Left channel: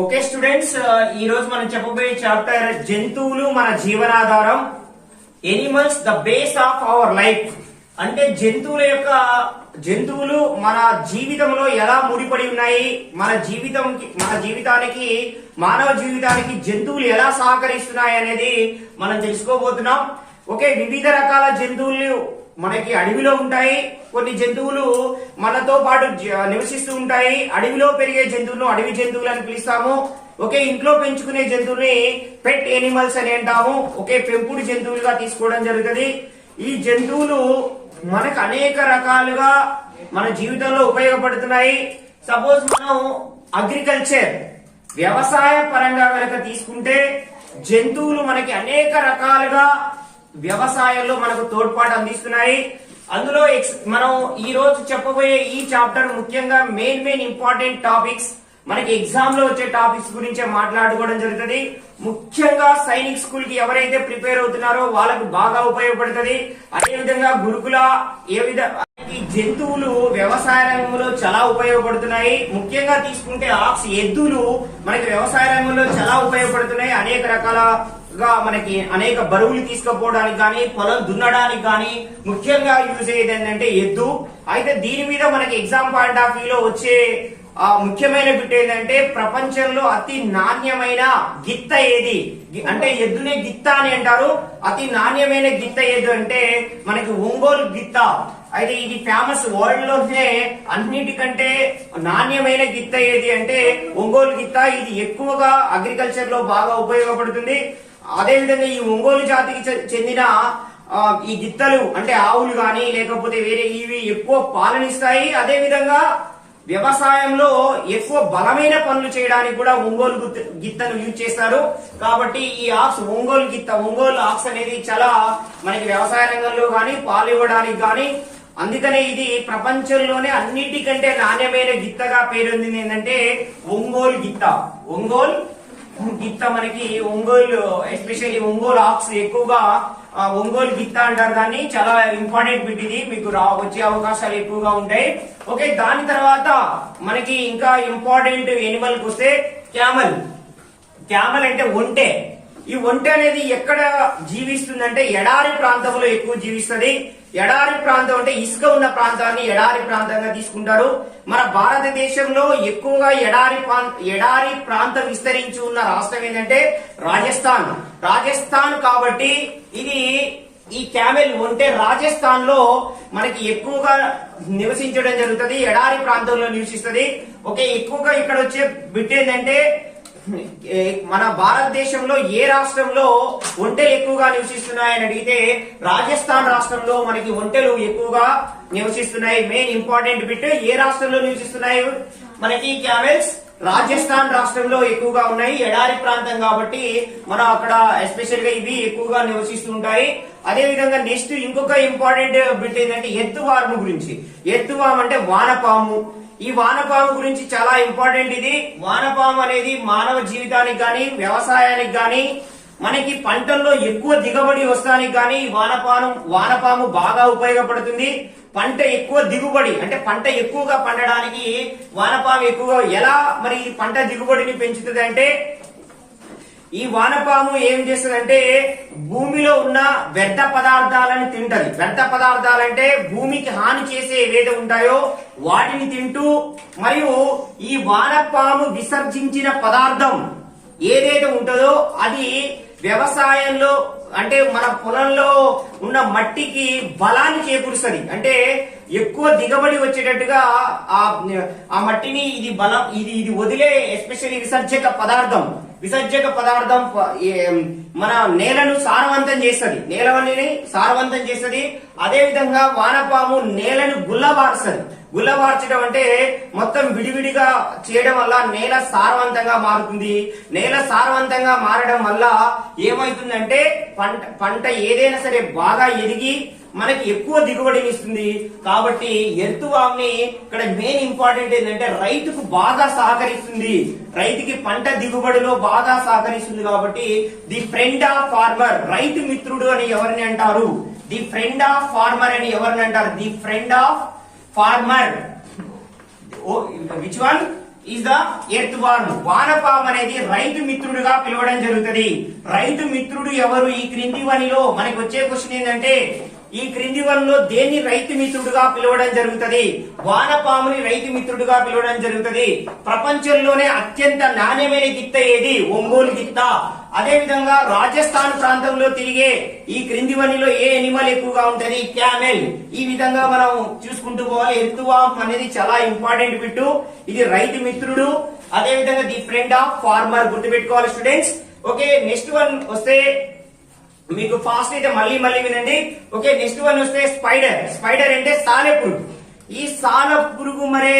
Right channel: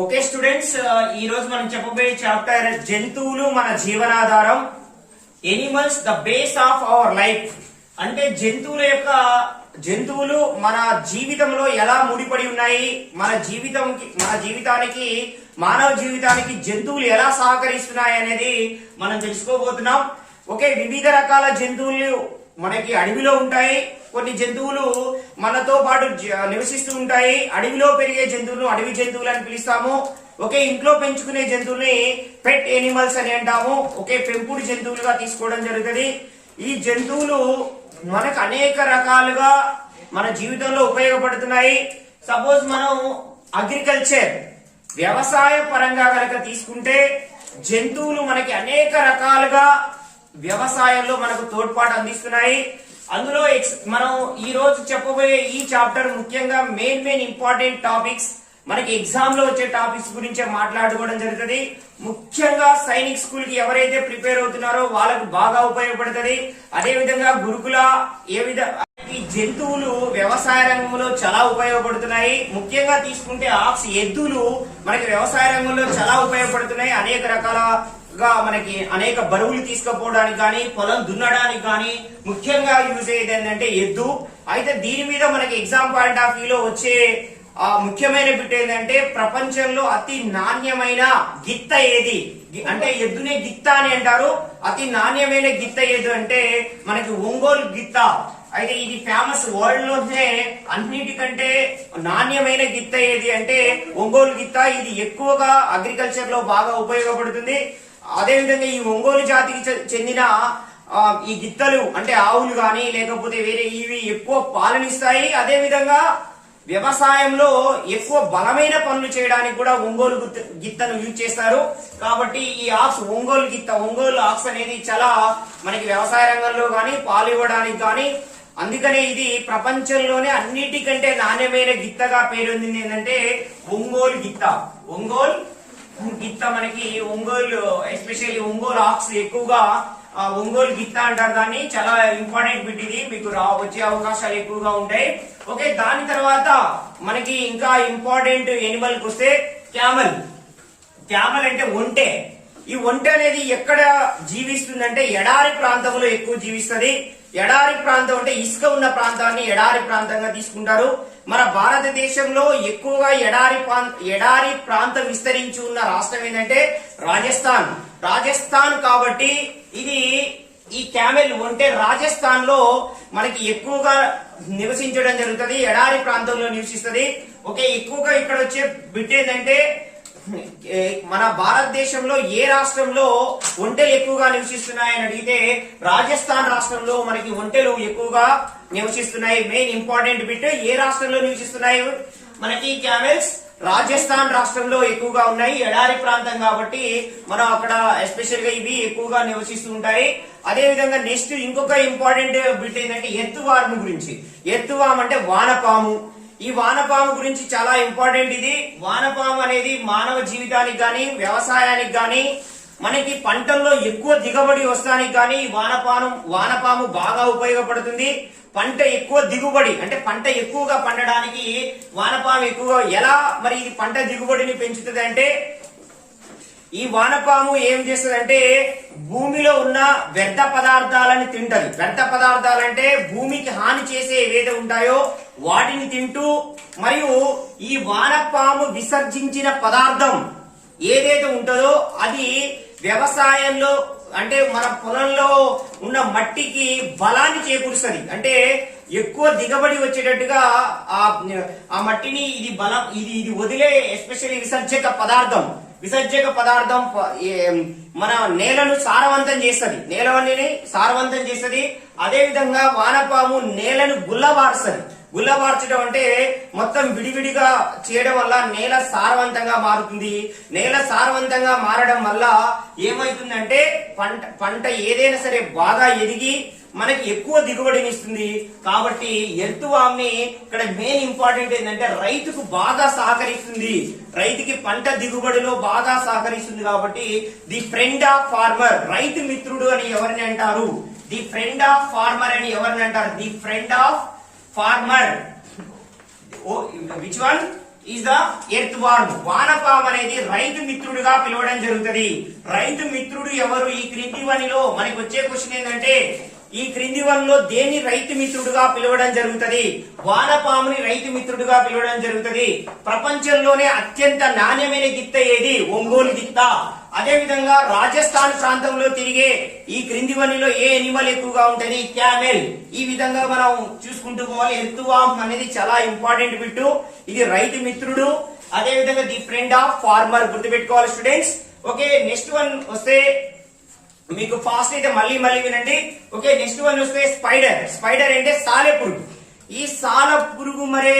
Okay students, ఈ రోజు మనం చెప్పబోయే చాప్టర్ జంతువులు మన జీవనాధారం. Animals the base of our life. అంటే జంతువులు మన జీవితంలో ఎలా ముడిపడి ఉన్నాయి, మన జీవితానికి మానవ జీవితానికి జంతువులు ఎలా సహకరిస్తున్నాయి అనేది మనం తెలుసుకోబోతున్నాం. ఓకే, వివిధ రకాల జంతువులు మనకి అడవిలో ఉంటాయి. కొన్ని జంతువులు మనతో పాటు నివసిస్తూ ఉంటాయి. అడవిలో పెరిగే జంతువులను అడవి జంతువులు అని పిలుస్తాము. ఓకే, ఇంట్లో పెంచుకునే జంతువుల్ని పెట్ ఎనిమల్స్ అని అంటాము. ఓకే, పెంపుడు జంతువులుగా తీసుకోవడం జరుగుతుంది. ఈ జంతువులు మనకు అనేక రకాలుగా మన జీవితంలో ఉపయోగపడుతున్నాయి. సపోజ్ మనం అగ్రికల్చర్ వ్యవసాయ పరంగా కనుక తీసుకుంటే జంతువులు మనకి అనేక రకాలుగా వ్యవసాయంలో మనకు తోడ్పాటు అందిస్తున్నాయి. అందులో మనం ఈ రోజు చెప్పబోయే ఈ చాప్టర్ ముఖ్యంగా మెయిన్ ఇంపార్టెంట్ టాపిక్స్, మనకి ఎగ్జామ్ లో వచ్చే టాపిక్స్ గురించే మాట్లాడుకోవడం జరుగుతుంది. ముఖ్యంగా సైనిక్ స్కూల్ కి ఎవరైతే ప్రిపేర్ అవుతున్నారో వాళ్ళకు బాగా ఉపయోగపడుతుంది. అదే విధంగా గురుకుల ఈ జంతువులు వ్యవసాయ రంగంలో చాలా ఉపయోగపడుతున్నాయి. ముఖ్యంగా తీసుకుంటే ఆక్స్ ఎద్దులు మనకి వ్యవసాయ రంగంలో చాలా ఉపయోగపడుతున్నాయి. అనేక రకాలుగా మనకి అనేక బరువులు తీసుకుపోవడానికి కానీ, పొలం దున్నడానికి కానీ ముఖ్యంగా యూజ్ అయ్యేది ఏంటంటే ఎద్దు. అయితే దీని మీద మనకి ఎగ్జామ్ పాయింట్ ఆఫ్ వ్యూ లో వచ్చే ముఖ్యమైన బిట్ ఏంటంటే ప్రపంచంలో అతి నాణ్యమైన గిత్త ఏది అంటే ఎద్దునే గిత్త అని అంటారు. అతి నాణ్యమైన గిత్త ఏది అంటే మనకి ఒంగోలు గిత్త. అయితే ఇది ఫేమస్, వరల్డ్ లోనే అన్నిటికంటే నాణ్యమైన గిత్త ఏది అంటే ఒంగోలు గిత్త. ఇది ఎక్కువగా అగ్రికల్చర్ లో బాగా ఉపయోగపడుతుంది. అదే విధంగా ఈ ఒంగోలు జాతికి చెందిన ఈ గిత్తలు అంటే ఆవులు గాని లేకపోతే వేరే ఇవి ఎక్కువ పాలనిస్తాయి. అదే విధంగా వ్యవసాయంలో ఎక్కువ బలమైన పనులు చేయడానికి కూడా ఒంగోలు గిత్తను యూజ్ చేస్తారు. కాబట్టి ఈ ఆక్స్ ఒంగోలు ఆక్స్ అనేది చాలా మనకి వ్యవసాయ రంగంలో గాని పాలు ఇవ్వడానికి గాని, అందుకనే ఇది ప్రపంచంలోనే అన్నిటికంటే నాణ్యమైన గిత్తగా పేరొందింది ఏంటంటే ఒంగోలు గిత్త. మనకి ఒంగోలు ఎస్పెషల్లీ ఒంగోలు ఆక్స్ ఎక్కువగా ఒంగోలు గిత్త అంటారు. దాన్ని చాలా ఇంపార్టెంట్ బిట్ ఇది, మీకు వచ్చే అవకాశాలు ఎక్కువగా ఉంటాయి. ఓకే, దాని తర్వాత మనకి ఇంకా ఇంపార్టెంట్ ఎనిమల్ కి వస్తే క్యామల్ అంటే ఒంటె. ఈ ఒంటె అనేది ఎక్కడ జీవిస్తుందంటే ఎడారి ప్రాంతంలో ఎక్కువ జీవిస్తుంది. ఎడారి ప్రాంతం అంటే ఇసుక ఉన్న ప్రాంతాన్ని ఎడారి ప్రాంతంగా తీసుకుంటారు. మన భారతదేశంలో ఎక్కువగా ఎడారి ప్రాంతం విస్తరించి ఉన్న రాష్ట్రం ఏంటంటే రాజస్థాన్. కాబట్టి ఈ క్యామెల్ ఉంటే రాజస్థాన్ లో మనకి ఎక్కువగా నివసించడం జరుగుతుంది. ఎడారి ప్రాంతంలో నివసిస్తుంది. ఓకే, ఎక్కువగా ఇక్కడ వచ్చే బిట్ ఏంటంటే మన భారతదేశంలో ఏ రాష్ట్రంలో ఒంటెలు ఎక్కువగా నివసిస్తున్నాయని అడిగితే రాజస్థాన్ రాష్ట్రంలో మనకి ఒంటెలు ఎక్కువగా నివసిస్తున్నాయి. మెయిన్ ఇంపార్టెంట్ బిట్, ఏ రాష్ట్రంలో నివసిస్తున్నాయి మనకి క్యామెల్స్? రాజస్థాన్ రాష్ట్రంలో ఎక్కువగా ఉన్నాయి. ఎడారి ప్రాంతం కాబట్టి మనం అక్కడ ఎస్పెషల్ గా ఇవి ఎక్కువగా నివసిస్తూ ఉంటాయి. అదే విధంగా నెక్స్ట్ ఇంకొక ఇంపార్టెంట్ బిట్ ఏంటంటే ఎత్తువాము గురించి. ఎత్తువాము అంటే వానపాము. ఈ వానపాము గురించి చాలా ఇంపార్టెంట్. ఇది వానపాము అనేది మానవ జీవితానికి గాని వ్యవసాయానికి గాని మనకి పంటల్లో ఎక్కువ దిగుబడి వస్తానికి గాని వానపాము బాగా ఉపయోగపడుతుంది. పంట ఎక్కువ దిగుబడి అంటే పంట ఎక్కువగా పండడానికి వానపాము ఎక్కువగా ఎలా మరి ఇది పంట దిగుబడిని పెంచుతుంది అంటే ఈ వానపాము ఏం చేస్తుందంటే భూమిలో ఉన్న వ్యర్థ పదార్థాలను తింటది. వ్యర్థ పదార్థాలంటే భూమికి హాని చేసే ఏవైతే ఉంటాయో వాటిని తింటూ, మరియు ఈ వానపాము విసర్జించిన పదార్థం ఏదైతే ఉంటుందో అది వ్యవసాయంలో అంటే మన పొలంలో ఉన్న మట్టికి బలాన్ని చేకూరుస్తుంది. అంటే ఎక్కువ దిగుబడి వచ్చేటట్టుగా ఆ మట్టిని ఇది వదిలే ఎస్పెషల్లీ విసర్జక పదార్థం మన నేలను సారవంతం చేస్తుంది. నేలని సారవంతం చేస్తుంది. అదే విధంగా వానపాము నేలను గుల్లబార్చడం అంటే మొత్తం విడివిడిగా చేయడం వల్ల నేల సారవంతంగా మారుతుంది. నేల సారవంతంగా మారడం వల్ల ఏమైతుందంటే పంట ఏదైనా సరే బాగా ఎదిగి మనకి ఎక్కువ దిగుబడినిస్తుంది. కాబట్టి ఎర్తువామ్ని ఇక్కడ మెయిన్ ఇంపార్టెంట్ ఏంటంటే రైతుకు బాగా సహకరిస్తుంది. రైతుకి పంట దిగుబడిలో బాగా సహకరిస్తుంది. కాబట్టి ది ఫ్రెండ్ ఆఫ్ ఫార్మర్, రైతు మిత్రుడు అని ఎవరిని అంటారు? ది ఫ్రెండ్ ఆఫ్ ఫార్మర్ అని ఎవరిని అంటారు? The friend of farmer. Which one? Is the earthworm. వానపాము అనేది రైతు మిత్రుడుగా పిలవడం జరుగుతుంది. రైతు మిత్రుడు ఎవరు? ఈ క్రింది వనిలో మనకి వచ్చే క్వశ్చన్ ఏంటంటే ఈ క్రింది వనిలో దేన్ని రైతు మిత్రుడుగా పిలవడం జరుగుతుంది? వానపాముని రైతు మిత్రుడుగా పిలవడం జరుగుతుంది. ప్రపంచంలోనే అత్యంత నాణ్యమైన గిత్త ఏది? ఒంగోలు గిత్త. అదే విధంగా రాజస్థాన్ ప్రాంతంలో తిరిగే ఈ క్రింది వనిలో ఏ ఎనిమల్ ఎక్కువగా ఉంటుంది? క్యామెల్. ఈ విధంగా మనం చూసుకుంటూ పోవాలి. ఎర్త్ వార్మ్ అనేది చాలా ఇంపార్టెంట్ బిట్టు. ఇది రైతు మిత్రుడు. అదే విధంగా ది ఫ్రెండ్ ఆఫ్ ఫార్మర్ గుర్తుపెట్టుకోవాలి స్టూడెంట్స్. ఓకే, నెక్స్ట్ వన్ వస్తే మీకు ఫాస్ట్ అయితే మళ్ళీ వినండి. ఓకే, నెక్స్ట్ వన్ వస్తే స్పైడర్. స్పైడర్ అంటే సాలెపురుగు. ఈ సాలెపురుగు మరి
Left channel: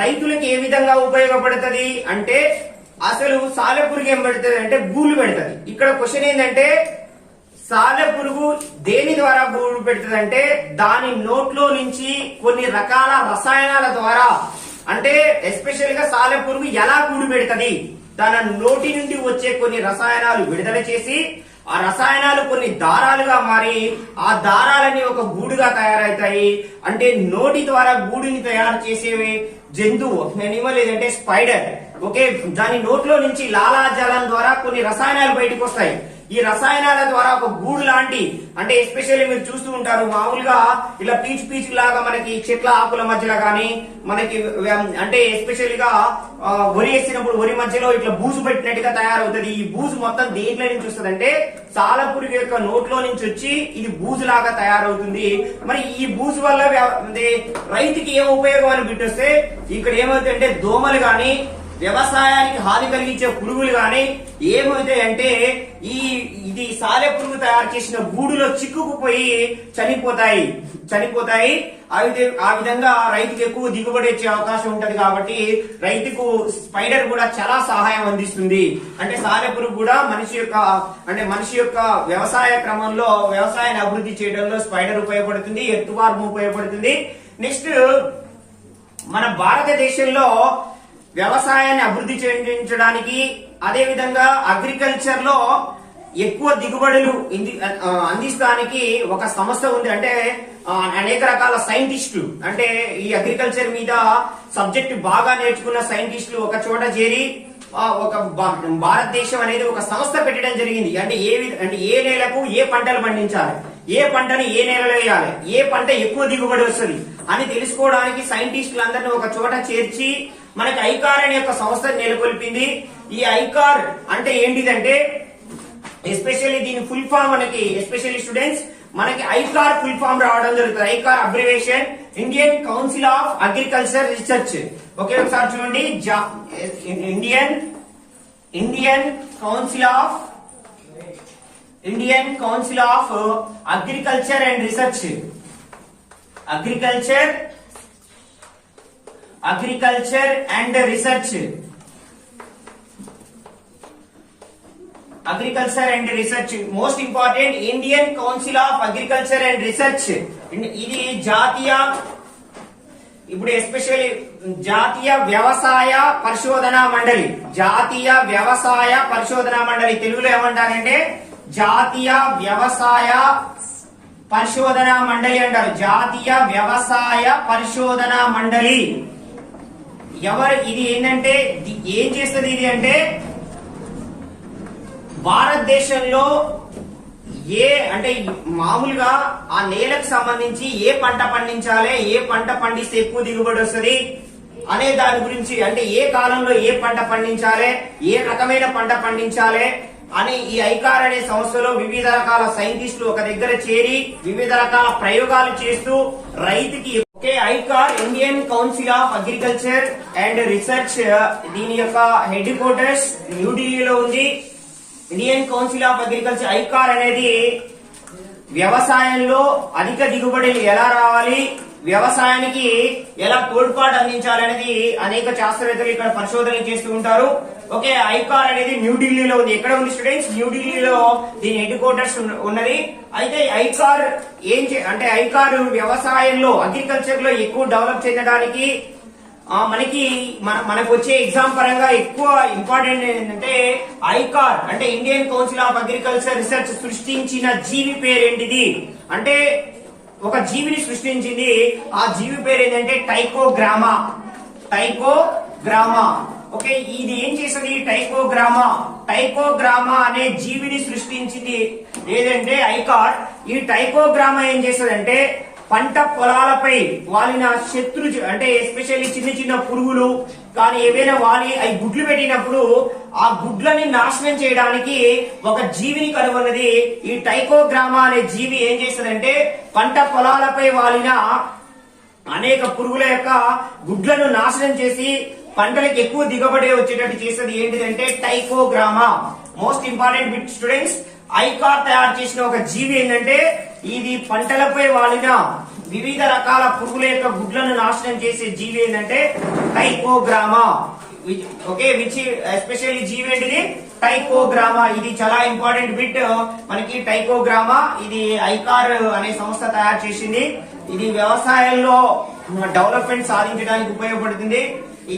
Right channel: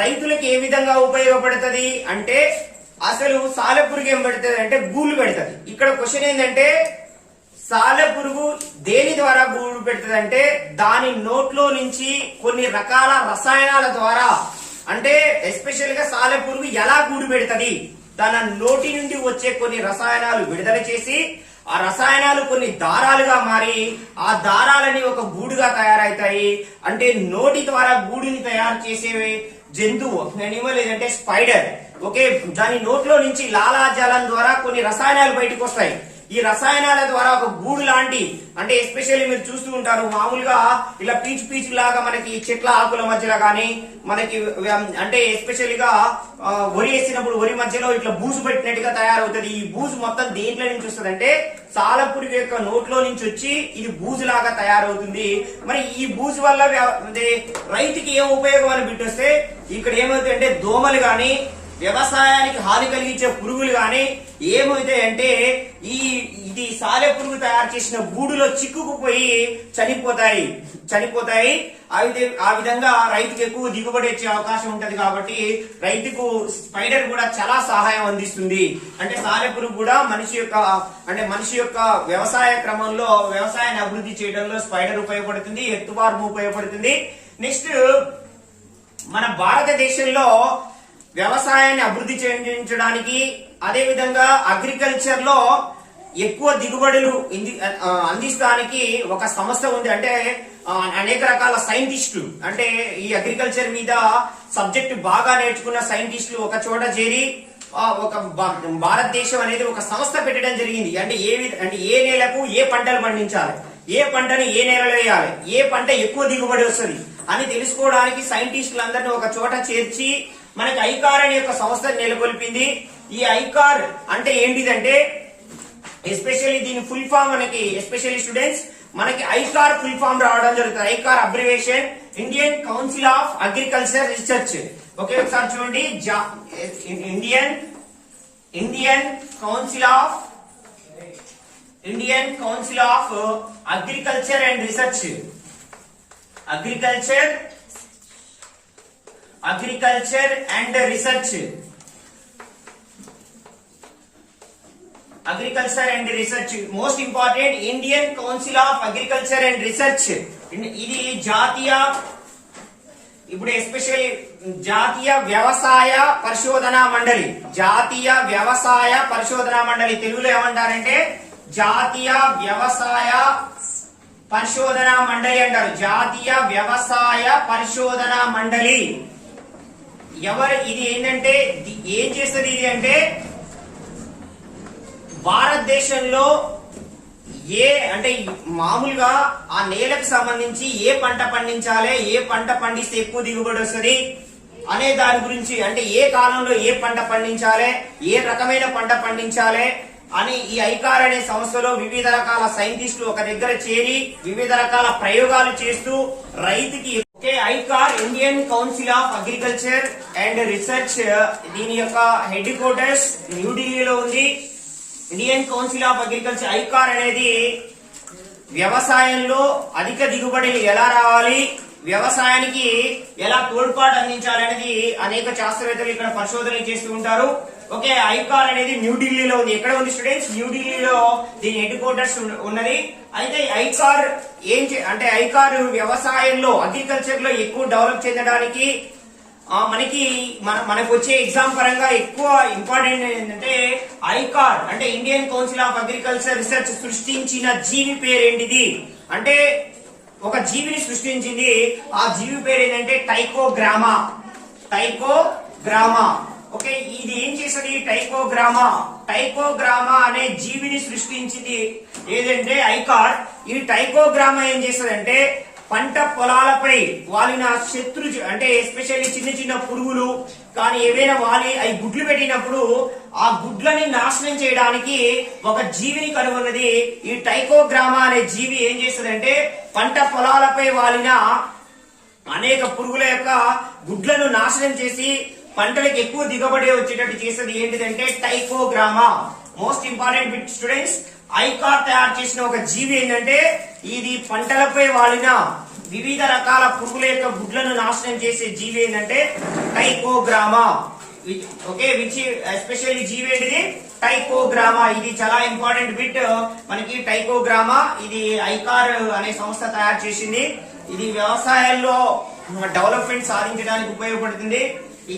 రైతులకు ఏ విధంగా ఉపయోగపడుతుంది అంటే అసలు సాలెపురుగు ఏం పెడుతుంది అంటే గూళ్ళు పెడుతుంది. ఇక్కడ క్వశ్చన్ ఏంటంటే సాలెపురుగు దేని ద్వారా గూడు పెడుతుంది అంటే దాని నోట్లో నుంచి కొన్ని రకాల రసాయనాల ద్వారా, అంటే ఎస్పెషల్ గా సాలెపురుగు ఎలా గూడు పెడుతుంది? తన నోటి నుండి వచ్చే కొన్ని రసాయనాలు విడుదల చేసి ఆ రసాయనాలు కొన్ని దారాలుగా మారి ఆ దారాలని ఒక గూడుగా తయారవుతాయి. అంటే నోటి ద్వారా గూడుని తయారు చేసే జంతువు ఎనిమల్ ఏదంటే స్పైడర్. ఓకే, దాని నోట్లో నుంచి లాలాజలం ద్వారా కొన్ని రసాయనాలు బయటకు వస్తాయి. ఈ రసాయనాల ద్వారా ఒక గూడు లాంటి, అంటే ఎస్పెషల్లీ మీరు చూస్తూ ఉంటారు మామూలుగా ఇలా పీచు లాగా మనకి చెట్ల ఆకుల మధ్యలో గానీ మనకి అంటే ఎస్పెషల్ గా వరి వేసినప్పుడు వరి మధ్యలో ఇట్లా బూజు పెట్టినట్టుగా తయారవుతుంది. ఈ బూజు మొత్తం దేంట్లో నుంచి వస్తుంది అంటే సాలెపురుగు యొక్క నోట్లో నుంచి వచ్చి ఇది బూజు లాగా తయారవుతుంది. మరి ఈ బూజు వల్ల రైతుకి ఏం ఉపయోగం అని బిట్టొస్తే ఇక్కడ ఏమవుతుందంటే దోమలు గాని వ్యవసాయానికి హాని కలిగించే పురుగులు గాని ఏమవుతాయంటే ఇది సాలెపురుగు తయారు చేసిన గూడులో చిక్కుకుపోయి చనిపోతాయి. ఆ విధంగా రైతుకు ఎక్కువ దిగుబడి వచ్చే అవకాశం ఉంటది. కాబట్టి రైతుకు స్పైడర్ కూడా చాలా సహాయం అందిస్తుంది. అంటే సాలెపురుగు కూడా మనిషి యొక్క వ్యవసాయ క్రమంలో వ్యవసాయాన్ని అభివృద్ధి చేయడంలో స్పైడర్ ఉపయోగపడుతుంది, ఎర్త్ వార్మ్ ఉపయోగపడుతుంది. నెక్స్ట్ మన భారతదేశంలో వ్యవసాయాన్ని అభివృద్ధి చెందించడానికి అదే విధంగా అగ్రికల్చర్ లో ఎక్కువ దిగుబడులు అందించడానికి ఒక సంస్థ ఉంది. అంటే అనేక రకాల సైంటిస్టులు, అంటే ఈ అగ్రికల్చర్ మీద సబ్జెక్ట్ బాగా నేర్చుకున్న సైంటిస్టులు ఒక చోట చేరి ఒక భారతదేశం అనేది ఒక సంస్థ పెట్టడం జరిగింది. అంటే ఏ నేలకు ఏ పంటలు పండించాలి, ఏ పంటని ఏ నేలలో వేయాలి, ఏ పంట ఎక్కువ దిగుబడి వస్తుంది అని తెలుసుకోవడానికి సైంటిస్టులందరినీ ఒక చోట చేర్చి మనకి ఐకార్ అనే ఒక సంస్థను నెలకొల్పింది. ఈ ఐకార్ అంటే ఏంటిదంటే ఎస్పెషల్లీ దీని ఫుల్ ఫామ్ మనకి ఎస్పెషల్లీ స్టూడెంట్స్ మనకి ఐకార్ ఫుల్ ఫామ్ రావడం జరుగుతుంది. ICAR abbreviation Indian council of agriculture research. Okay, ఒకసారి చూడండి. Indian council of agriculture and research. Agriculture and research most important. Indian council of agriculture and research ఇది ఇప్పుడు especially జాతీయ వ్యవసాయ పరిశోధనా మండలి. తెలుగులో ఏమంటారంటే జాతీయ వ్యవసాయ పరిశోధనా మండలి అంటారు. జాతీయ వ్యవసాయ పరిశోధనా మండలి ఇది ఏంటంటే ఏం చేస్తుంది? ఇది అంటే భారతదేశంలో అంటే మామూలుగా ఆ నేలకు సంబంధించి ఏ పంట పండించాలి, ఏ పంట పండిస్తే ఎక్కువ దిగుబడి వస్తుంది అనే దాని గురించి, అంటే ఏ కాలంలో ఏ పంట పండించాలి, ఏ రకమైన పంట పండించాలి అని ఈ ఐకార్ అనే సంస్థలో వివిధ రకాల సైంటిస్టులు ఒక దగ్గర చేరి వివిధ రకాల ప్రయోగాలు చేస్తూ రైతుకి ICAR Indian council of agriculture and research దీని యొక్క హెడ్ క్వార్టర్స్ న్యూఢిల్లీలో ఉంది. Indian council of agriculture ICAR అనేది వ్యవసాయంలో అధిక దిగుబడులు ఎలా రావాలి, వ్యవసాయానికి ఎలా తోడ్పాటు అందించాలనేది అనేక శాస్త్రవేత్తలు ఇక్కడ పరిశోధనలు చేస్తూ ఉంటారు. ఓకే, ఐకార్ అనేది న్యూఢిల్లీలో ఉంది. ఎక్కడ ఉంది స్టూడెంట్స్? న్యూఢిల్లీలో దీని హెడ్ క్వార్టర్స్ ఉన్నది. అయితే ఐకార్ అంటే ఐకార్ వ్యవసాయంలో అగ్రికల్చర్ లో ఎక్కువ డెవలప్ చేయడానికి మనకు వచ్చే ఎగ్జామ్ పరంగా ఎక్కువ ఇంపార్టెంట్ ఏంటంటే ఐకార్ అంటే Indian council of agriculture research సృష్టించిన జీవి పేరేంటిది అంటే ఒక జీవిని సృష్టించింది. ఆ జీవి పేరు ఏంటంటే టైకోగ్రామా గ్రామా. ఓకే, ఇది ఏం చేస్తుంది? టైకోగ్రామా. టైకోగ్రామా అనే జీవిని సృష్టించింది ఏదంటే ఐకార్. ఈ టైకోగ్రామా ఏం చేస్తుందంటే పంట పొలాలపై వాలిన శత్రు అంటే ఎస్పెషల్లీ చిన్న చిన్న పురుగులు కానీ ఏవైనా వాలి అవి గుడ్లు పెట్టినప్పుడు ఆ గుడ్లని నాశనం చేయడానికి ఒక జీవిని కనుగొన్నది ఈ టైకోగ్రామా అనే జీవి. ఏం చేస్తుందంటే పంట పొలాలపై వాలిన అనేక పురుగుల యొక్క గుడ్లను నాశనం చేసి పంటలకు ఎక్కువ దిగుబడి వచ్చేటట్టు చేసేది ఏంటిదంటే trichogramma. Most important bit students, ICAR తయారు చేసిన ఒక జీవి ఏంటంటే ఇది పంటలపై వాలిన వివిధ రకాల పురుగుల యొక్క గుడ్లను నాశనం చేసే జీవి ఏంటంటే టైకోగ్రామా. ఓకే, విచ్ ఎస్పెషల్లీ జీవి ఏంటిది? టైకోగ్రామా. ఇది చాలా ఇంపార్టెంట్ బిట్ మనకి. టైకోగ్రామా ఇది ఐకార్ అనే సంస్థ తయారు చేసింది. ఇది వ్యవసాయంలో డెవలప్మెంట్ సాధించడానికి ఉపయోగపడుతుంది.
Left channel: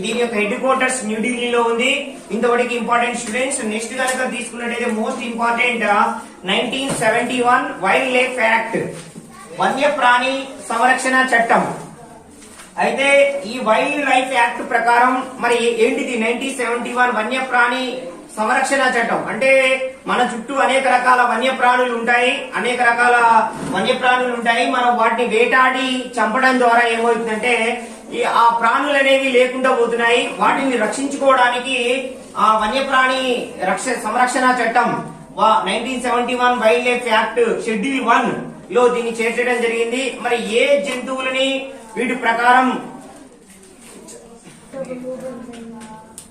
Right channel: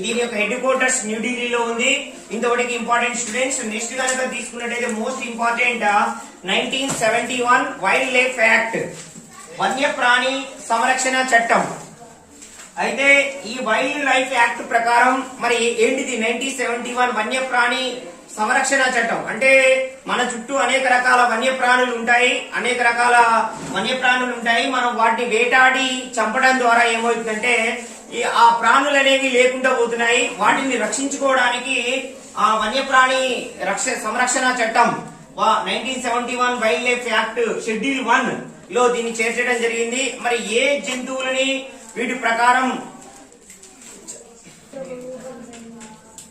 దీని యొక్క హెడ్ క్వార్టర్స్ న్యూఢిల్లీలో ఉంది. ఇంతవరకు ఇంపార్టెంట్ స్టూడెంట్స్. నెక్స్ట్ కనుక తీసుకున్నట్టయితే most important 1971 wild life act, వన్యప్రాణి సంరక్షణ చట్టం. అయితే ఈ వైల్డ్ లైఫ్ యాక్ట్ ప్రకారం మరి ఏంటిది? 1971 వన్యప్రాణి సంరక్షణ చట్టం. అంటే మన చుట్టూ అనేక రకాల వన్యప్రాణులు ఉంటాయి, అనేక రకాల వన్యప్రాణులు ఉంటాయి. మనం వాటిని వేటాడి చంపడం ద్వారా ఏమవుతుందంటే ఆ ప్రాణులు అనేవి లేకుండా పోతున్నాయి. వాటిని రక్షించుకోవడానికి ఆ వన్యప్రాణి సంరక్షణ చట్టం 1971 వైల్డ్ లైఫ్ యాక్ట్ షెడ్యూల్ 1 లో దీన్ని చేర్చడం జరిగింది. మరి ఏ జంతువులని వీటి ప్రకారం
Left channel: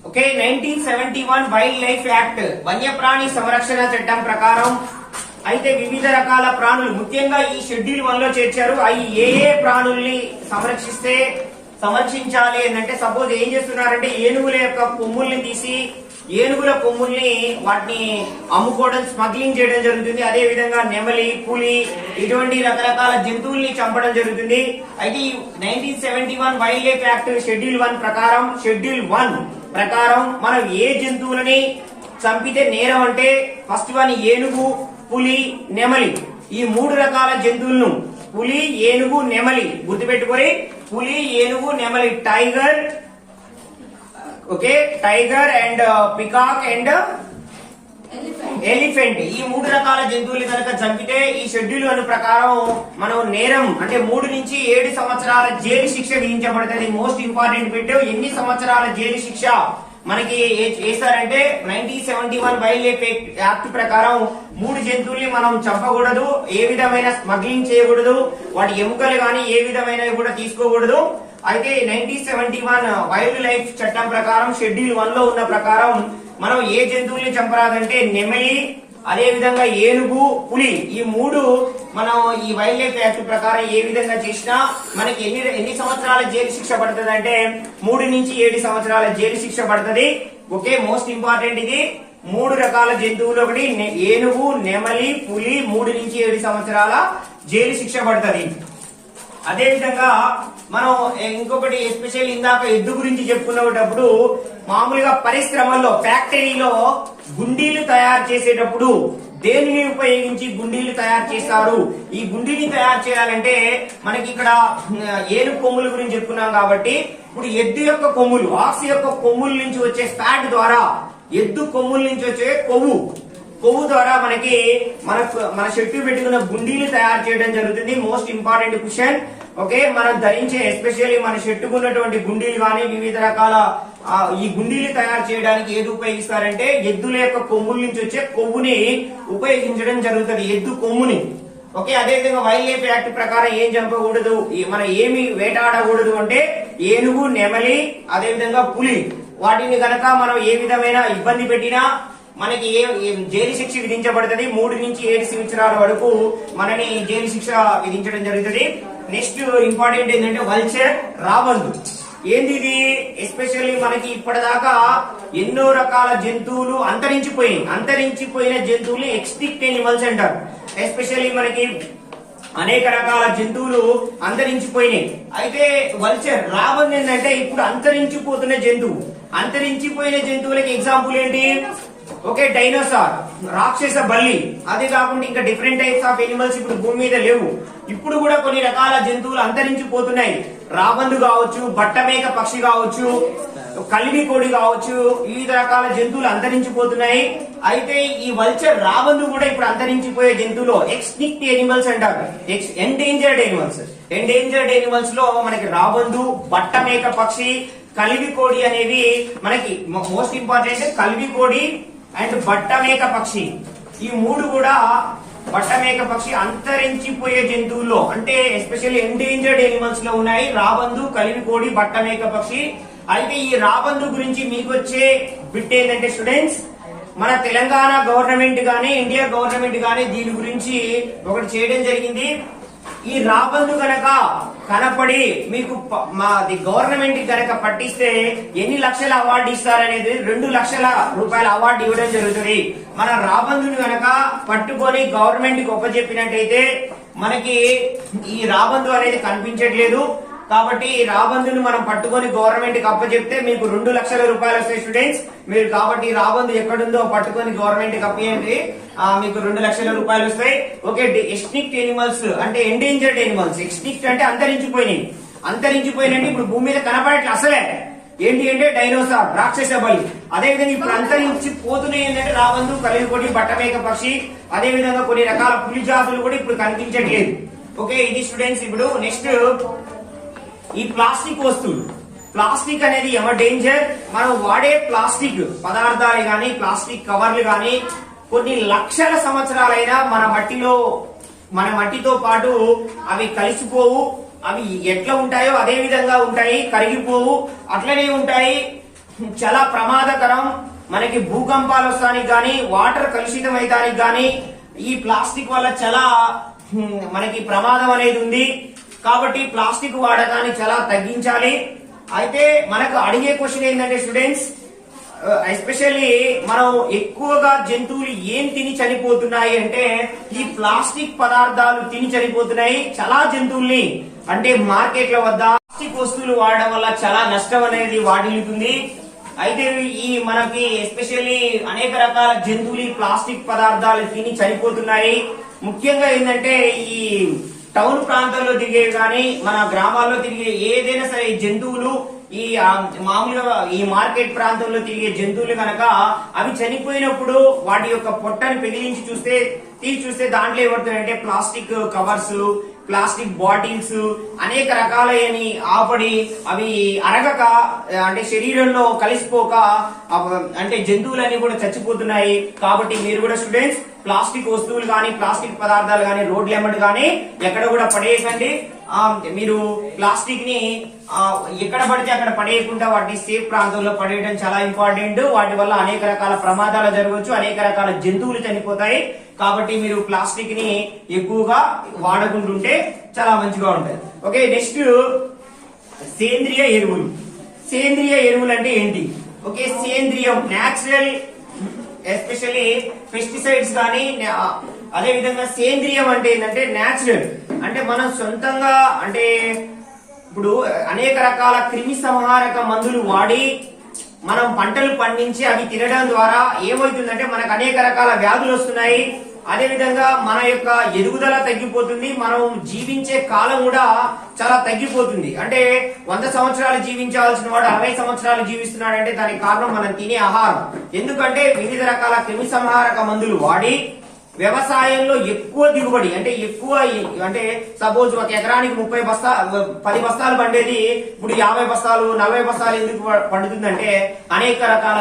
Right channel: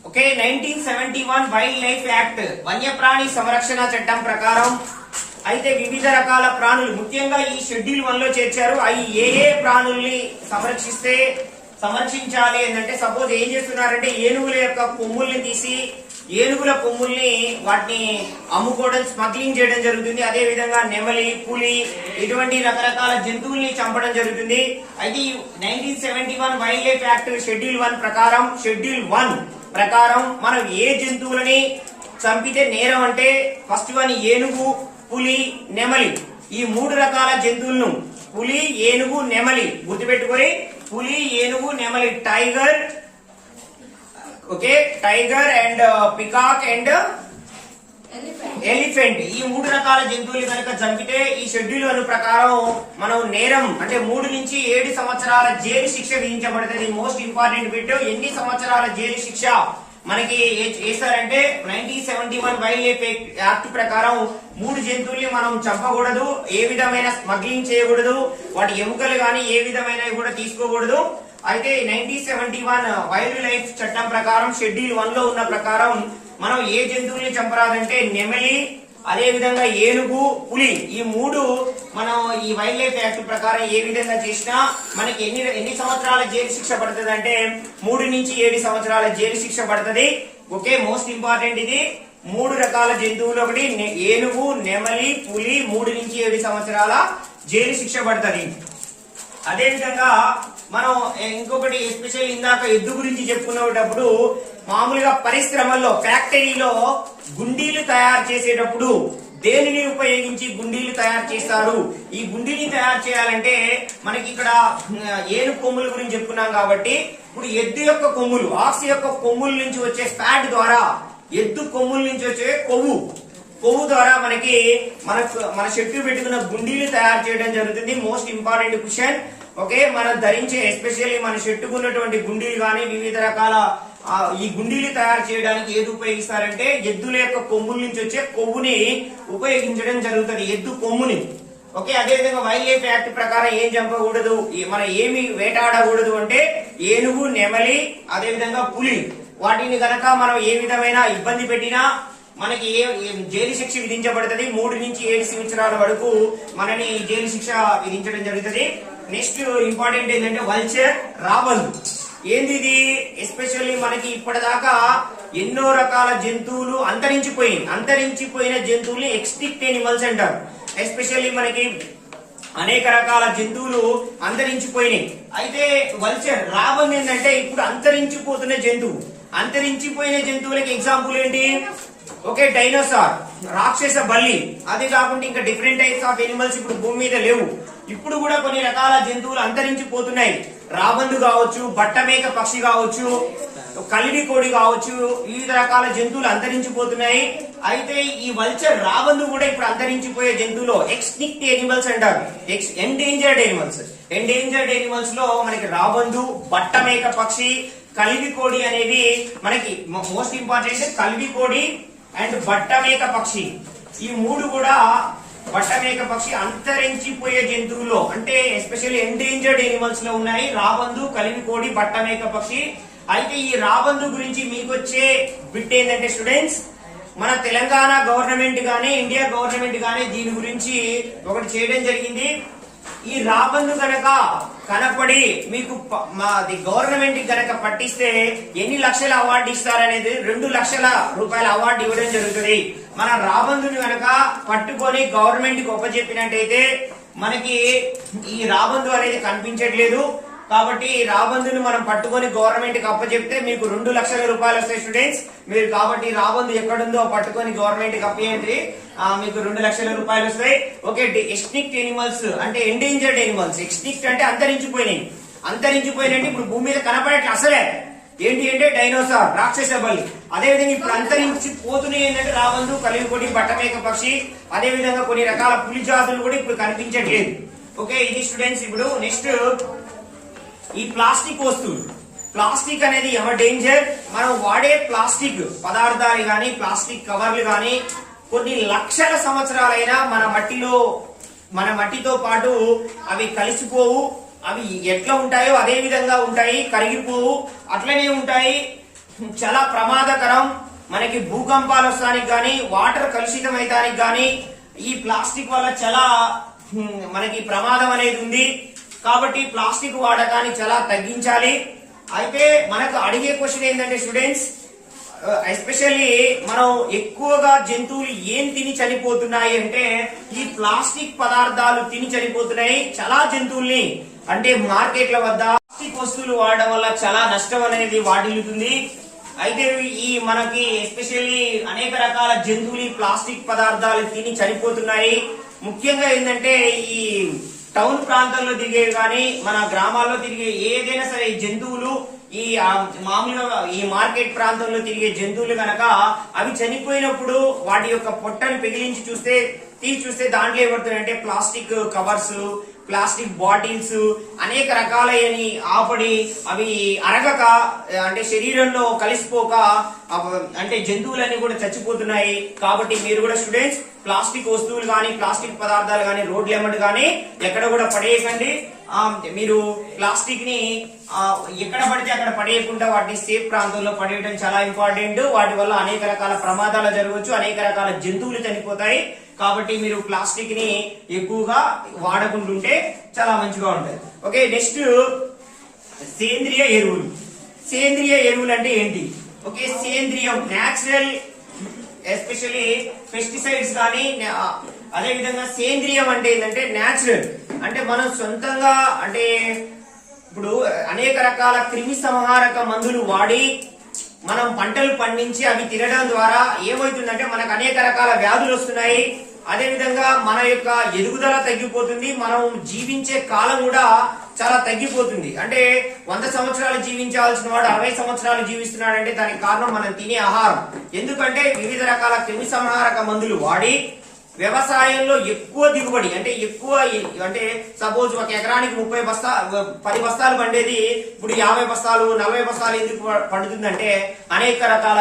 ఓకే 1971 వైల్డ్ లైఫ్ యాక్ట్ వన్యప్రాణి సంరక్షణ చట్టం ప్రకారం అయితే వివిధ రకాల ప్రాణులు ముఖ్యంగా ఈ షెడ్యూల్ 1 లో చేర్చారు. అవి ఏ ప్రాణుల్ని సంరక్షించాలి అంటే సపోజ్ ఏం చేస్తున్నారంటే ఏనుగుల యొక్క కొమ్ముల్ని తీసి ఏనుగుల కొమ్ముల్ని వాటిని అమ్ముకోవడం, స్మగ్లింగ్ చేయడం జరుగుతుంది. అదే విధంగా నెమలి, పులి ఇటువంటి రకరకాల జంతువుల్ని చంపడం జరుగుతుంది. అయితే 1971 వైల్డ్ లైఫ్ యాక్ట్ షెడ్యూల్ 1 ప్రకారం మనం ఏ జంతువులని చంపితే నేరం అంటే ఫస్ట్ వన్ ఏనుగు, పులి, నెమలి. ఈ 3 రకాల జంతువులను పులి, ఏనుగు, నెమలి గుర్తుపెట్టుకొని పులి, ఏనుగు, నెమలి, tiger, okay tiger and peacock and elephant. ఈ 3 రకాల జంతువులు కనుక చంపితే ఈ షెడ్యూల్ 1 ప్రకారం మనం నేరం అంటే 3 నుంచి 7 సంవత్సరాల జైలు శిక్ష విధించబడుతుంది. మోస్ట్ ఇంపార్టెంట్ బిట్, ఎన్ని సంవత్సరాల జైలు శిక్ష మనకి వేస్తారంటే 1971 వైల్డ్ లైఫ్ యాక్ట్ ప్రకారం 3 జంతువుల్ని మనం చంపకూడదు, ఏ విధమైన స్మగ్లింగ్ చేయకూడదు, వాటి ఎముకలు గాని ఏ విధమైనవి కూడా తీసుకోకూడదు. అయితే 1971 వైల్డ్ లైఫ్ చట్టం ప్రకారం షెడ్యూల్ 1 లో ఉన్న ప్రకారం మనం ఏ జంతువుల్ని చంపరాదంటే నెమలి, అదే విధంగా ఏనుగు, పులి. ఈ 3 మనం ఈ వైల్డ్ లైఫ్ యాక్ట్ ప్రకారం ఏ విధంగా చేసినా మనకి ఎన్ని సంవత్సరాల జైలు శిక్ష పడుతుంది అంటే 3 నుంచి 7 సంవత్సరాల జైలు శిక్ష పడుతుంది. ఓకే, మోస్ట్ ఇంపార్టెంట్ ఇది. 3 రకాల జంతువులు, ఒకటి ఏనుగు, నెమలి, పులి, 3 నుంచి 7 సంవత్సరాల జైలు శిక్ష పడుతుంది. అదే విధంగా మనం ఇంకొకటి ఎస్పెషల్ ఇందాక ఎద్దు గురించి చెప్పుకునేటప్పుడు మామూలుగా పరిశ్రమల్లో ఫ్యాక్టరీలో గుండీలు తయారు చేసేటప్పుడు దేనిని ఉపయోగించి గుండీలు తయారు చేస్తారు? ఈ గుండీని తయారు చేయాలంటే మనకి ఇక్కడ ఏనుగు కొమ్ముల గురించి చెప్పుకున్నాం కాబట్టి ఇప్పుడు ఎద్దు యొక్క కొమ్ములు, ఆక్స్ యొక్క కొమ్ముల నుంచి వచ్చే ఫ్యాట్ ద్వారా, ఎద్దు కొమ్ముల నుంచి వచ్చే కొవ్వు ద్వారా మనకి మన చెట్టు పెట్టుకున్న గుండీలు తయారు చేయడం జరుగుతుంది. Most important question. ఓకే, మనం ధరించే ఎస్పెషల్లీ మన చెట్టుకున్నటువంటి గుండీలు కానీ వివిధ రకాల ఈ గుండీలు తయారు చేయడానికి ఏది ఉపయోగిస్తారంటే ఎద్దుల యొక్క కొమ్ముల నుంచి వచ్చే కొవ్వుని ఉపయోగించడం జరుగుతుంది, ఎద్దు కొమ్ముని. ఓకే, అదే విధంగా వైల్డ్ లైఫ్ యాక్ట్ ప్రకారం ఏం చంపకూడదు, మనం ఏమి వేటాడకూడదు అంటే ఏనుగు, నెమలి, అదే విధంగా పులి. వాటిని గనక మనం ఏ విధమైన ఇబ్బంది పెట్టినా మనకి జైలు శిక్ష విధించబడుతుంది. 3 నుంచి 7 సంవత్సరాల వరకు మనని జైలు శిక్ష విధించడం జరుగుతుంది. నెక్స్ట్ ఇంపార్టెంట్ ఏంటంటే వల్చర్, రాబందు. ఏంది ఇది? ఎస్పెషల్లీ మనకి ఇప్పటిదాకా ఎన్నో రకాల జంతువులు అంతరించిపోయిన జంతువుల్ని ఎక్స్టింక్ట్ ఎనిమల్స్ అంటారు. ఎస్పెషల్లీ మనకి అనేక రకాల జంతువులు అంతరించిపోయినాయి. అయితే వల్చర్, రాబందు ఏంటంటే ఇప్పుడు అంతరించిపోతున్న జంతువు. అంతరించిపోయిన జంతువులకి ఎగ్జాంపుల్ ఏంటి? ఓకే, డైనోసార్, రాక్షస బల్లి. అదే కాకుండా ఇంకా డిఫరెంట్ టైప్స్ ఆఫ్ ఎనిమల్స్ ఇప్పుడు భూమి మీద లేవు. ఇప్పుడు కూడా కొన్ని రకాల జంతువులు అంతరించిపోతున్నాయి. రాబందు కావచ్చు, బట్టమేక పక్షి కావచ్చు, కల్లి కోడి కావచ్చు, వివిధ రకాల జంతువులు అంతరించిపోతున్నాయి. అయితే ఈ వల్చర్ రాబందు కూడా ఇప్పుడు అంతరించిపోయే జంతువులు ఎక్స్టింక్ట్ ఎనిమల్స్ అంటారు. Endangered animals. ఎండేంజర్డ్ ఎనిమల్స్ లో మనకి రాబందు, బట్టమేక పక్షి, కల్వి కోడి అనేవి మనకి మోస్ట్ ఇంపార్టెంట్. కల్వి కోడి అండ్ బట్టమేక పక్షి, ఈ మూడు కూడా బట్టమేక పక్షి అంతరించిపోయే జంతువుల్లో అంటే ఎస్పెషల్లీ ఎండేంజర్డ్ ఎనిమల్స్ లో ఉన్నాయి. రాబందు, కలివి కోడి, బట్టమేక పక్షి. అయితే ఈ రాబందు గురించి మీకు వచ్చే బిట్ ఏంటంటే స్టూడెంట్స్, మన తెలంగాణ గవర్నమెంట్ గానీ ఇండియా గవర్నమెంట్ గానీ దీని గురించి ఒకటి చేయడం జరిగింది. ఈ రాబందు కనుక కనపడి మీకు మాది గవర్నమెంట్ కనుక పట్టిస్తే ఎన్ని లక్షల అవార్డు ఇస్తారనేది 2 లక్షల రూపాయల అవార్డు ఇవ్వడం జరుగుతుంది. మన రాబందుని కనుక పట్టుకొని గవర్నమెంట్ కి ఒప్పచెప్పినట్టయితే మనకి ఈ రాబందు అనేది కనిపించట్లేదు. కాబట్టి రాబందుని మనం పట్టుకొని గవర్నమెంట్ కి అప్పచెప్తే మీకు 2 లక్షల రూపాయలు వస్తాయి స్టూడెంట్స్. మీరు కాబట్టి రాబందు ఎక్కడుందో పట్టుకొని గవర్నమెంట్ కి అప్పేయండి, మీకు 2 లక్షల రూపాయలు వస్తాయి. ఓకే, ఎక్స్టింక్ట్ ఎనిమల్స్ అంటే ఎండేంజర్డ్ ఎనిమల్స్. ఎక్స్టింక్ట్ అంటే అంతరించిపోయినాయి ఇప్పుడు భూమి మీద కనపడట్లే అసలే. ఏంటి అంటే డైనోసార్, రాక్షస బలి. అదేవిధంగా ఇప్పుడు అంతరించిపోతున్నాయి ఏంటంటే రాబందు, కలివికోటి, బట్టమేక పక్షి. అదే విధంగా కొన్ని రకాల పులి జాతులు కూడా ఇప్పుడు కనిపించట్లేదు. ఓకే, ఇది స్టూడెంట్స్. ఇప్పుడు నెక్స్ట్ ఈ ప్లాస్టిక్ వస్తువులు. ప్లాస్టిక్ అనేది ఎవర్ డేంజర్. మనం వాడే ప్లాస్టిక్ పదార్థాలు గాని, ప్లాస్టిక్ కవర్లు గాని కొన్ని లక్షల సంవత్సరాలైనా మన మట్టితో పాటు అవి కలిసిపోవు. అవి ఎట్లా ఉంటాయో అదే విధంగా ఉంటాయి, కరిగిపోవు, అట్లనే ఉంటాయి. చాలా ప్రమాదకరం. మనకి భూకంపాలు వస్తానికి గాని, వాటర్ కలుషితం అయితానికి గాని ఈ ప్లాస్టిక్ వల్ల చాలా మనకి ప్రమాదం అనేది ఉంది. కాబట్టి ప్లాస్టిక్ వాడకాన్ని చాలా తగ్గించాలి. అయితే మనకు అడిగే క్వశ్చన్ ఏంటంటే స్టూడెంట్స్, ఎస్పెషల్లీ మనం ఎక్కువగా జంతువులు ఏం తిని చనిపోతున్నాయి అంటే ఈ ప్లాస్టిక్ పదార్థాలు తిని చనిపోతున్నాయి. చాలా జంతువుల్ని అంటే మార్కెట్ల వద్ద ప్లాస్టిక్ వస్తువులు వాడడం వల్ల చాలా నష్టం అనేది వాటిల్లుతుంది. అయితే ఈ మనకి ఎస్పెషల్లీ అనేక రకాల జంతువులు ప్లాస్టిక్ పదార్థాలు తిని చనిపోతున్నాయి. ముఖ్యంగా ఏంటంటే ఈ టౌన్ ప్రాంతాల్లో తిరిగేవి కానీ, మన గ్రామాల్లో తిరిగే ఏదైనా సరే జంతువులు ఈ మామూలుగా ఈ మార్కెట్ ప్రాంతంలో తిరిగే జంతువులు కనుక అవి చనిపోయినప్పుడు వాటి యొక్క పొట్టని పెగిలించి చూస్తే దాంట్లో ఏమవుతుందంటే ప్లాస్టిక్ కవర్స్, ప్లాస్టిక్ బాటిల్స్ అనేక రకాలైన ఆపడి అవి అరగక అంటే శరీరంలో కలిసిపోక అంటే జంతువులన్నీ కూడా చచ్చిపోతున్నాయి. కాబట్టి మీరు కూడా స్టూడెంట్స్ ప్లాస్టిక్ వస్తువులు గాని, ప్లాస్టిక్ పదార్థాలు గాని రోడ్ల ఎమ్మటి గాని ఎక్కడ కూడా పడేయకండి. మీరు ప్లాస్టిక్ ని ఎక్కడ పడితే అక్కడ పడేయకుండా వాటిని సేఫ్ ప్రాంతంలో పడేయడం చాలా ఇంపార్టెంట్. వాటి వల్ల అనేక రకాల ప్రమాదాలు జరగవచ్చు, అనేక రకాల జంతువులు చనిపోతాయి. కాబట్టి మీరు ప్లాస్టిక్ ని ఎక్కువగా వాడకుంటుంటే చాలా మంచిగా ఉంటాయి. ఓకే, నెక్స్ట్ సేంద్రియ ఎరువులు. సేంద్రియ ఎరువులు అంటే ఏంటి? ఓకే, సేంద్రియం న్యాచురల్, ఎస్పెషల్లీ పెస్టిసైడ్స్ కానీ, అదే విధంగా సేంద్రియం అంటే ఏంటంటే న్యాచురల్ అంటే మనం సొంతంగా అంటే ఇప్పుడు అనేక రకాల క్రిమి సంహారక మందులు వాడి మనం పంటలు పండించి అవి తినడం ద్వారా ఏమవుతుందంటే మనకు అనేక రకాల వ్యాధులు వస్తున్నాయి. అదే విధంగా మన యొక్క ఎదుగుదల తగ్గిపోతుంది, మనం జీవించే కాలం కూడా చాలా తగ్గిపోతుంది. అంటే 100 సంవత్సరాలు జీవించాల్సిన వాడు 60 సంవత్సరాలు జీవిస్తున్నాడు అంటే దానికి కారణం మనం తినే ఆహారం. ఎందుకంటే వివిధ రకాల క్రిమి సంహారక మందులు వాడి వ్యవసాయంలో ఎక్కువ దిగుబడి అంటే సపోజ్ ఒక ఎకరానికి 10 బస్తాలు పండేది ఇప్పుడు 50 బస్తాలు 40 బస్తాలు ఎందుకు పండుతుందంటే అనేక రకాల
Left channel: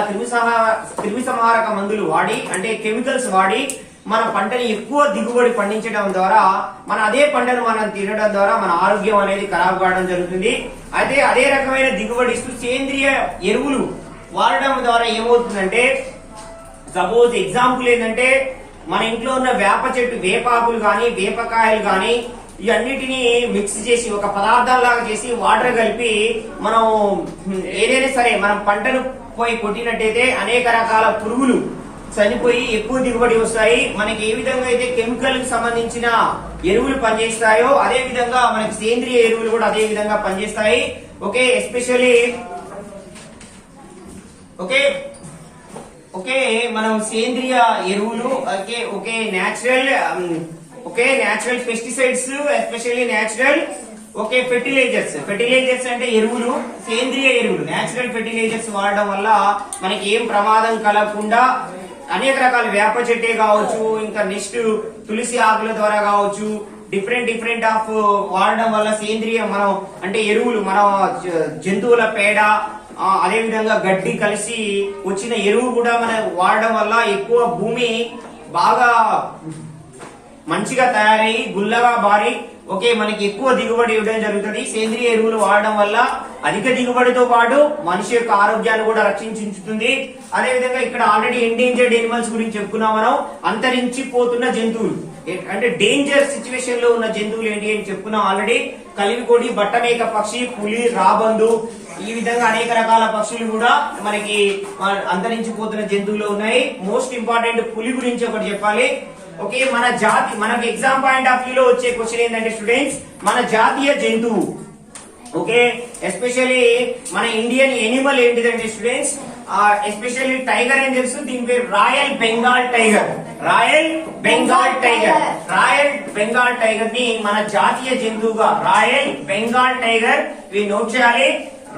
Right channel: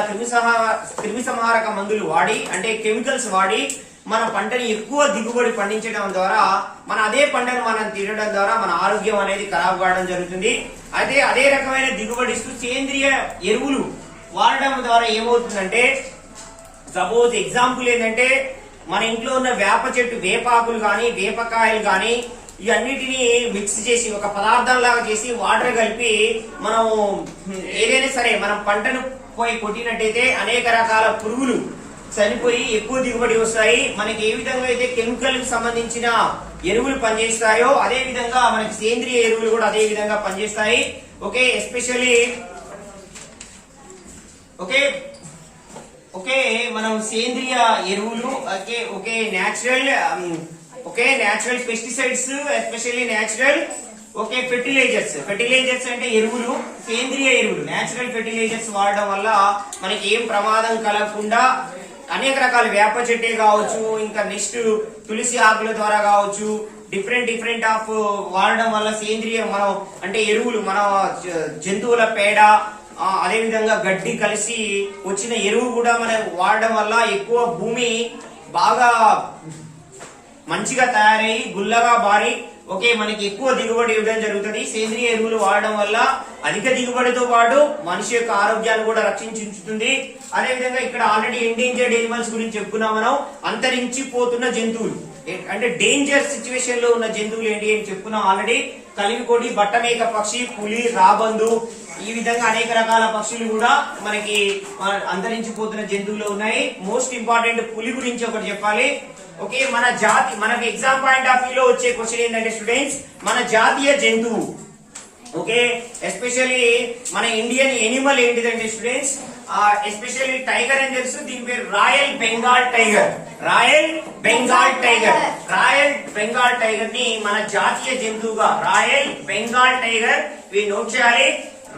క్రిమి సంహారక మందులు వాడి అంటే కెమికల్స్ వాడి మన పంటని ఎక్కువ దిగుబడి పండించడం ద్వారా మన అదే పంటను మనం తినడం ద్వారా మన ఆరోగ్యం అనేది ఖరాబ్ కావడం జరుగుతుంది. అయితే అదే రకమైన దిగుబడి ఇస్తూ సేంద్రియ ఎరువులు వాడడం ద్వారా ఏమవుతుందంటే సపోజ్ ఎగ్జాంపుల్ ఏంటంటే మన ఇంట్లో ఉన్న వేప చెట్టు వేపాకులు గాని, వేపకాయలు గాని ఇవన్నిటిని మిక్స్ చేసి ఒక పదార్థంలాగా చేసి వాటర్ కలిపి మనం ఏదైనా సరే మనం పంటను పోయి కొట్టినట్టయితే అనేక రకాల పురుగులు చనిపోయి ఎక్కువ దిగుబడి వస్తాయి. మనకి ఏ విధంగా అయితే కెమికల్ కి సంబంధించిన ఎరువులు పనిచేస్తాయో అదే విధంగా మనకి సేంద్రియ ఎరువులు కూడా అదే విధంగా పనిచేస్తాయి. ఓకే, ఎస్పెషల్లీ ఓకే మనం సేంద్రియ ఎరువులు natural pesticides, especially natural okay, fertilisers అంటే ఎరువులు, సేంద్రియ ఎరువులు, నేచురల్ ఫెర్టిలైజర్స్ వాడడం వల్ల మనకి ఏం ప్రమాదం కలగకుండా అనేక రకాల వేప చెట్టే కావచ్చు, ఇంకా నెక్స్ట్ తులసి ఆకుల ద్వారా కావచ్చు, డిఫరెంట్ ఆఫ్ వాడడం వల్ల సేంద్రియ మనం అంటే ఎరువులు మన జంతువుల పేడ అదే విధంగా గడ్డి కలిసి వచ్చిన ఎరువు కూడా మనం వాడడం వల్ల ఎక్కువ భూమి బాగా మంచిగా తయారయ్యి గుల్లగా బారి ఓకే మనకి ఎక్కువ దిగుబడి ఇవ్వడం జరుగుతుంది. సేంద్రియ ఎరువులు వాడడం వల్ల అధిక దిగుబడితో పాటు మనిషి యొక్క ఆరోగ్యాన్ని కూడా రక్షించుతుంది. అదేవిధంగా ఇక్కడ ఆల్రెడీ ఎండేంజర్డ్ ఎనిమల్స్ గురించి చెప్పుకున్నాం మనం. అంతరించిపోతున్న జంతువులు అంటే డేంజర్ సిచ్యువేషన్ లో ఉన్న జంతువులు ఏంటి అని చెప్పుకున్నాం ఆల్రెడీ. కలివికోడి, బట్టమేక పక్షి, పులి, రాబందు, ఈ విధంగా అనేక రకాల పక్షులు కూడా మనకి అంతరించిపోతున్న జంతువులు ఉన్నాయి. మోస్ట్ ఇంపార్టెంట్ పులి గురించి ఒకటి చెప్పాలి. ఓకే, మన జాతి మనకి ఎగ్జామ్ పాయింట్ ఆఫ్ వ్యూ లో వచ్చే క్వశ్చన్ ఏంటంటే స్టూడెంట్స్, మన జాతీయ జంతువు ఓకే ఎస్పెషల్లీ మన ఇండియన్ ఎనిమల్ ఏంటిదంటే స్టూడెంట్స్ ఎస్పెషల్లీ టైగర్ అని తెలుసు, దీని పేరు royal Bengal tiger. Royal Bengal tiger ని మన జాతీయ జంతువుగా రాయల్ బెంగాల్ టైగర్ ఇవి నోట్ చేయాలి.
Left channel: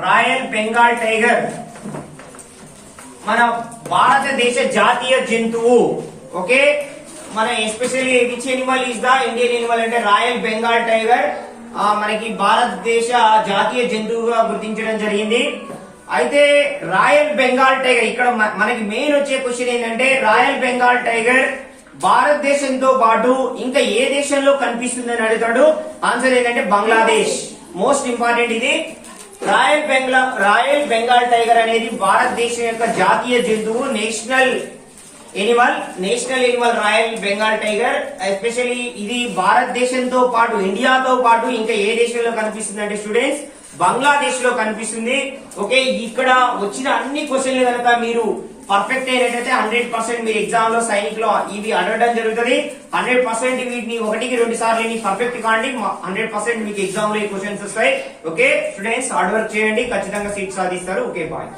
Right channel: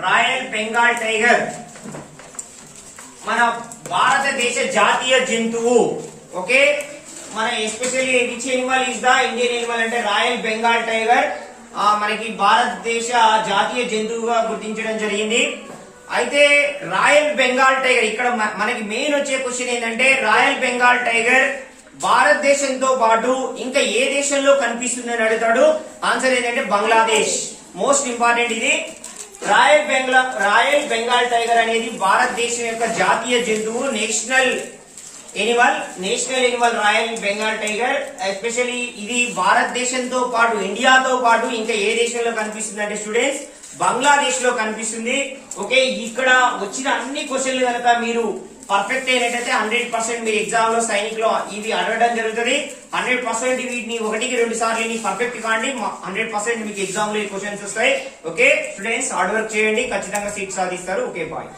రాయల్ బెంగాల్ టైగర్ మన భారతదేశ జాతీయ జంతువు. ఓకే, మన especially which Animal is the Indian Animal అంటే రాయల్ బెంగాల్ టైగర్ మనకి భారతదేశ జాతీయ జంతువుగా గుర్తించడం జరిగింది. అయితే రాయల్ బెంగాల్ టైగర్ ఇక్కడ మనకి మెయిన్ వచ్చే క్వశ్చన్ ఏంటంటే రాయల్ బెంగాల్ టైగర్ భారతదేశంతో పాటు ఇంకా ఏ దేశంలో కనిపిస్తుందని అడుగుతాడు. ఆన్సర్ ఏంటంటే బంగ్లాదేశ్. మోస్ట్ ఇంపార్టెంట్ ఇది. రాయల్ బెంగాల్ టైగర్ అనేది భారతదేశం యొక్క జాతీయ జంతువు, national Animal royal Bengal tiger. Especially ఇది భారతదేశంతో పాటు ఇండియాతో పాటు ఇంకా ఏ దేశంలో కనిపిస్తుంది అంటే స్టూడెంట్స్ బంగ్లాదేశ్ లో కనిపిస్తుంది. ఓకే, ఇక్కడ వచ్చిన అన్ని క్వశ్చన్లు కనుక మీరు పర్ఫెక్ట్ అయినట్టయితే 100% మీరు ఎగ్జామ్ లో సైనిక్ లో ఇవి అడగడం జరుగుతుంది. 100% వీటిని 1-2 సార్లు పర్ఫెక్ట్ కాండి, 100% మీకు ఎగ్జామ్ లో ఈ క్వశ్చన్స్ వస్తాయి. ఓకే స్టూడెంట్స్, హార్డ్ వర్క్ చేయండి, ఖచ్చితంగా సీట్ సాధిస్తారు. Okay, bye.